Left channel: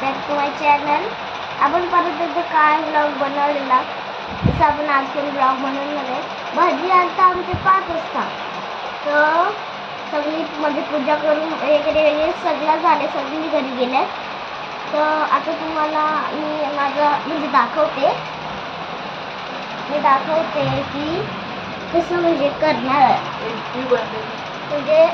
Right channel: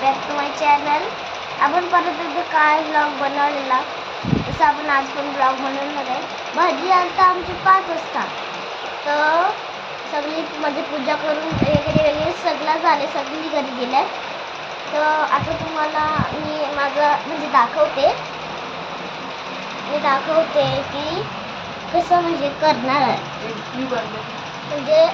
Back to my channel. आपण परत एकदा काय ब्लॉग बनवलेला तसं आपण आज पण ब्लॉग बनवणार आहे. भाजी आता आमची 5 वाजता, तर सगळी म्हणजे पूजा करून वेगळे सगळं झाले, सगळी घरी गेले. तर आता तुम्हाला मी माझं म्हणजे दाखवते की कसं म्हणजे करणार आहे. म्हणजे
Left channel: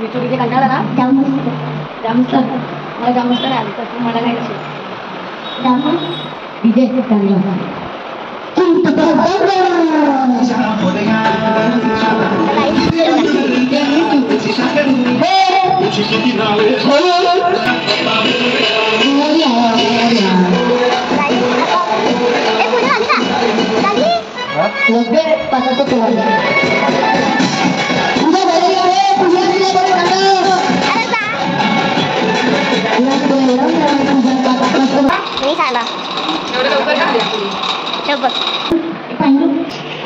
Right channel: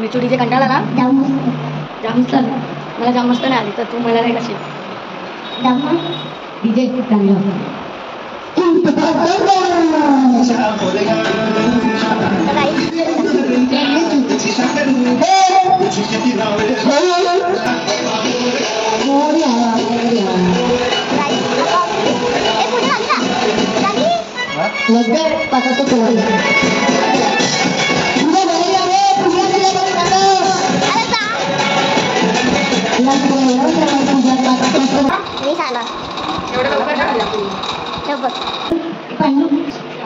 विचुडीचे कंटाळा ना जामस्त मला जामस्त नाही आली तर तू मला नाही कशी डीजे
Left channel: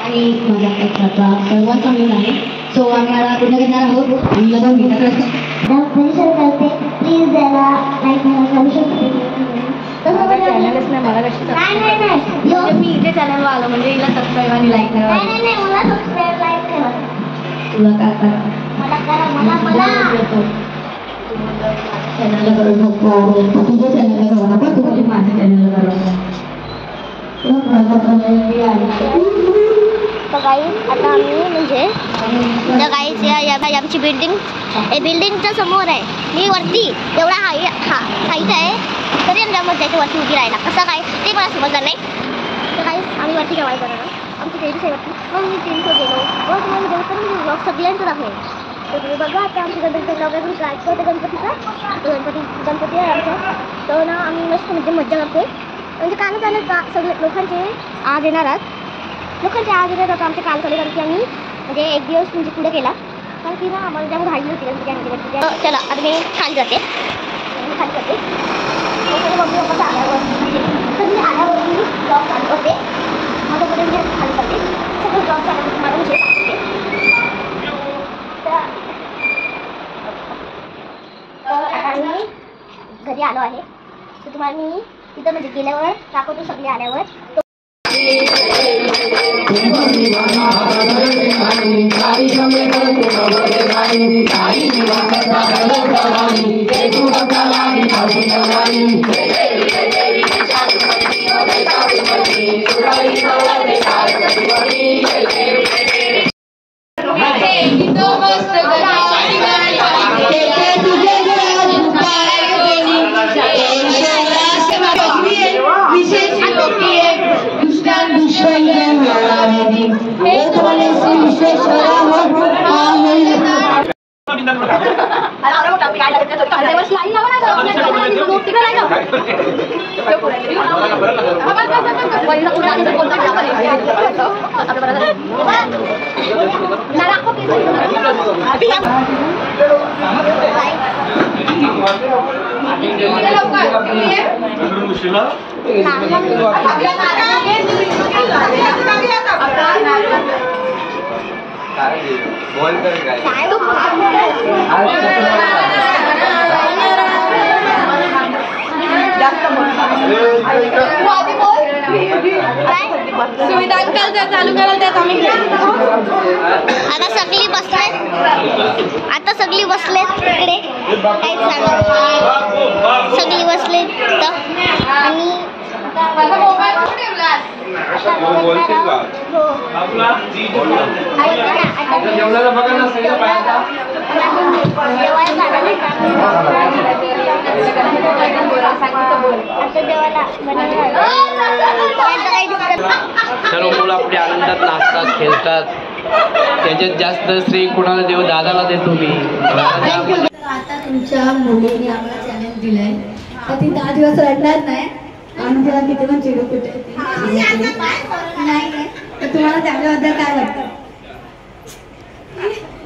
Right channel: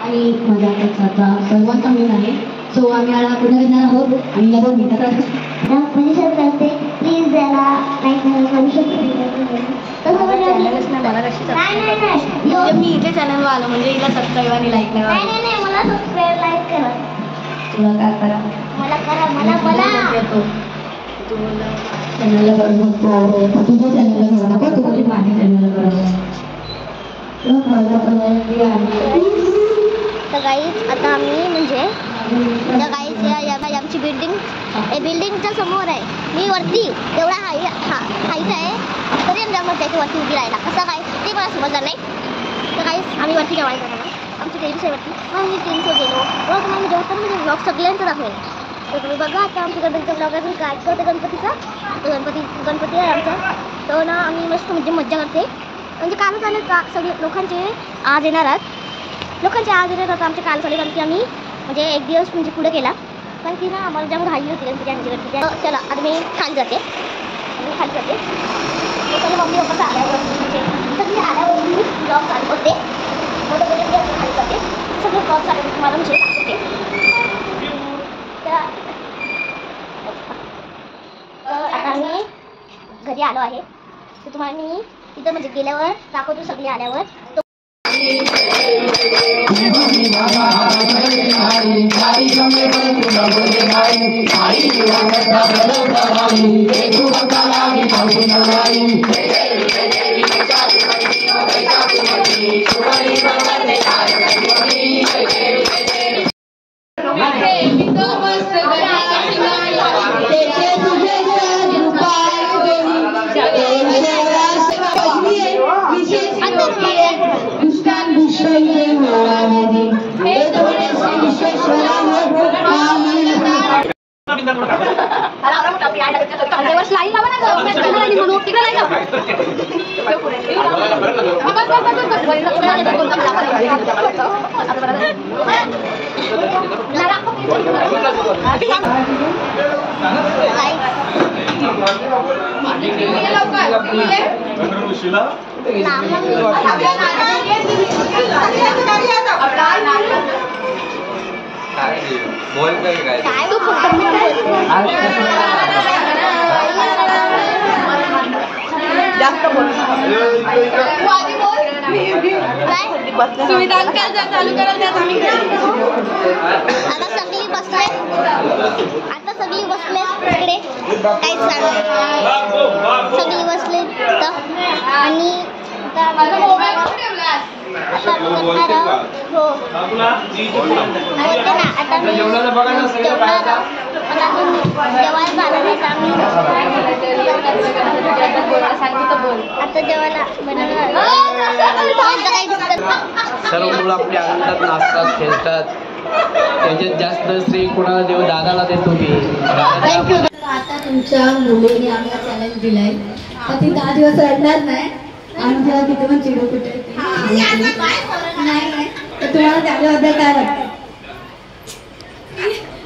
आणि सर्वांचा मिळून आहे. सो आम्ही आता पुन्हा घेणार आहोत. करते प्लीज याला लाईक करू शकतो. चॅनलच नाही मला कशी मी इथे चॅनलवर आलो म्हणजे हिला सबस्क्राईब आणि लाईक नाही. मला सबस्क्राईब लाईक करा. तुला काय करा मला चॅनलला करू शकतो. तुझ्या चॅनलला करू नका, तू म्हणजे माझ्या चॅनलला करू. तर गाईज आता आम्ही म्हणजे गाईज आमची बिल्डिंगच्या समोर आहे. मी वरती एवढा हाईट आहे तरी आमच्या मजाची वरती उभी राहायला कसं काय ते मला समजलं नाही. तर गाईज आम्ही वरती जेवाय करणार आमची टेरिस आहे वरती. मग मी टेरिसवर गेलो मग तुम्हाला जेवतो म्हणजे ब्लॉग सगळ्यांचं दाखवेल. तर तुम्ही बघा आता आमच्या गणपतीचा ब्लॉग अजून काय होते गणपतीचा. तर गणपती आहे आमचा. तर ना आम्ही मस्त म्हणजे मज्जा करते. म्हणजे कालच आलं का सगळे लोकांचे आज येणार आता आमचे काल चालू कारण की आम्ही म्हणजे एक दिवस म्हणजे पुढे केला कारण की ना आम्हाला जाम घाई होती गणपती. चला आता मी खाली जाते सगळे मम्मी पप्पा आल्यावर म्हणजे सगळे आल्यावर मी ब्लॉग चालू करते. मग म्हणजे खाली करते सगळे ब्लॉग चालू तुम्हाला म्हणजे दाखवते. तर आता आम्ही घरी आलो आहे. तर तुम्हाला मी तिथं म्हणजे गेल्यावर दाखवतो सगळे आल्यावर. आता सगळी बसलेत तिकडे काहीच चालू सगळी बसलेत आणि आता करणार आहोत. हो आता मी जेवणार आहोत पण अजून जेवायला झालं नाही. आता जेवायला बनवणार सर्व मुलं आपल्या आनंदात नाचतात खेळतात. त्याच्यात जास्त श्री कुणाला देऊ, दादाला देतो मी. आता तुमच्या मुलीने आम्हाला चॅलेंज दिलाय तर ती 10 दिवस रडणार नाही. आम्ही जेव्हा किती पण चिडू कुठे नाही तर तुम्हाला त्याच्याबद्दल काय वाटतं?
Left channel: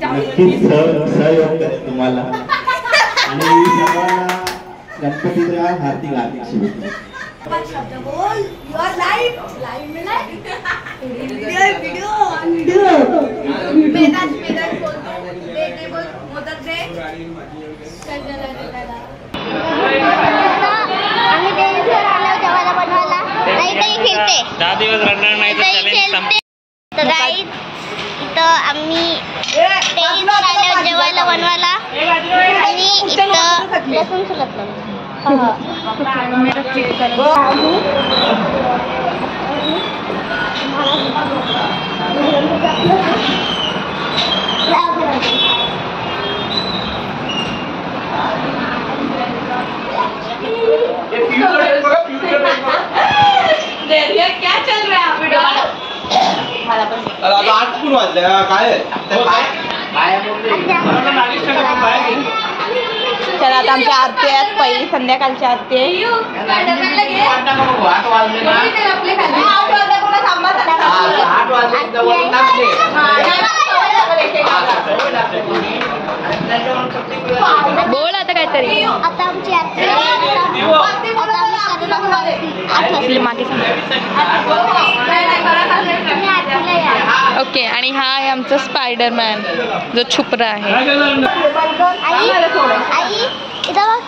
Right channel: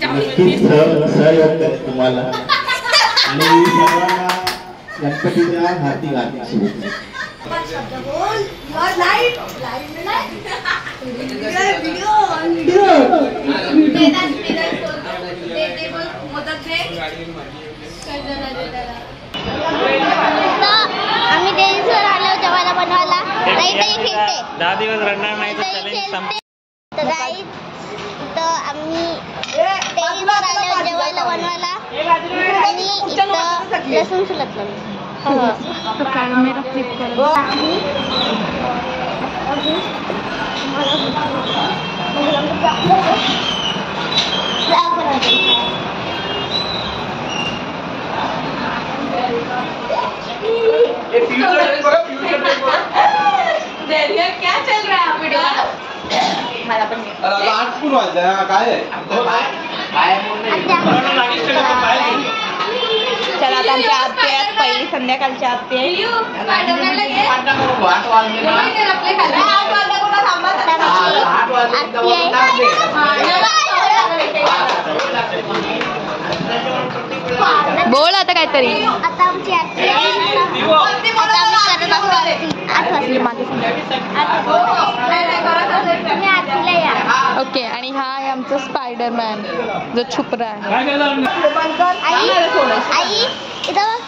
नक्कीच सहयोग करेल तुम्हाला आणि सर्वांना गणपतीच्या हार्दिक हार्दिक शुभेच्छा. आम्ही देवीसवर आलो जेवायला बनवायला. राईतही खेळते, 10 दिवस रडणार नाही खेळते. तर राईत इथं आम्ही देवीसवर आलो जेवायला बनवायला आणि इथं लसूण शिकत नाही. क्या चल रहा है वीडियो? आज कोण वाजलं काय? चला आता आमच्या आरती आहेत, पहिली संध्याकाळच्या आरती आहे. बोल आता काहीतरी. आता आमची आरती आहे. ओके. आणि हा आहे आमचा स्पायडरमॅन जो छुपरा आहे. आई इथं बघ.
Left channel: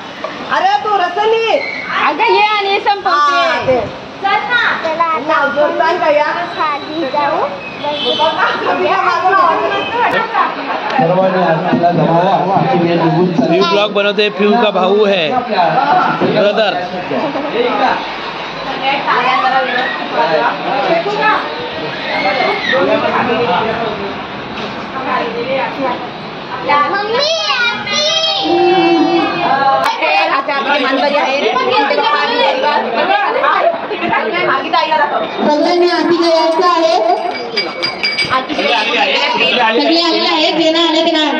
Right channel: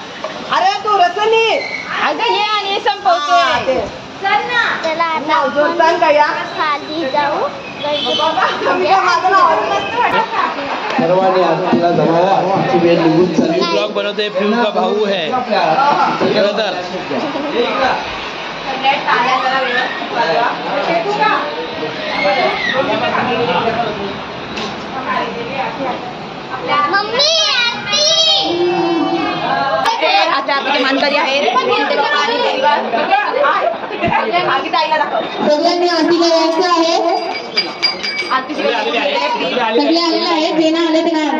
अरे तू रसली ये आणि संपवते. चला आता आपण खाली जाऊ. सर्वांनी आरतीला जमावा. आमची वेळ निघून चालली. ब्लॉग बनवते. फ्यू का भाऊ है ब्रदर. मम्मी आरती. आता आपली मानकरी आहे. सगळ्यांनी आरती करायचं आहे. सगळे आलेले आहेत. जे नाही आले ते नाही.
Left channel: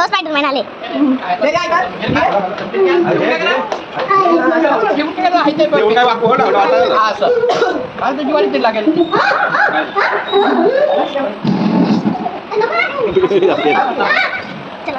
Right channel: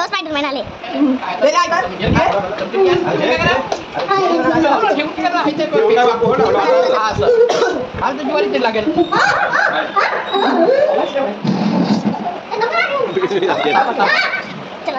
स्पायडरमॅन आले. चला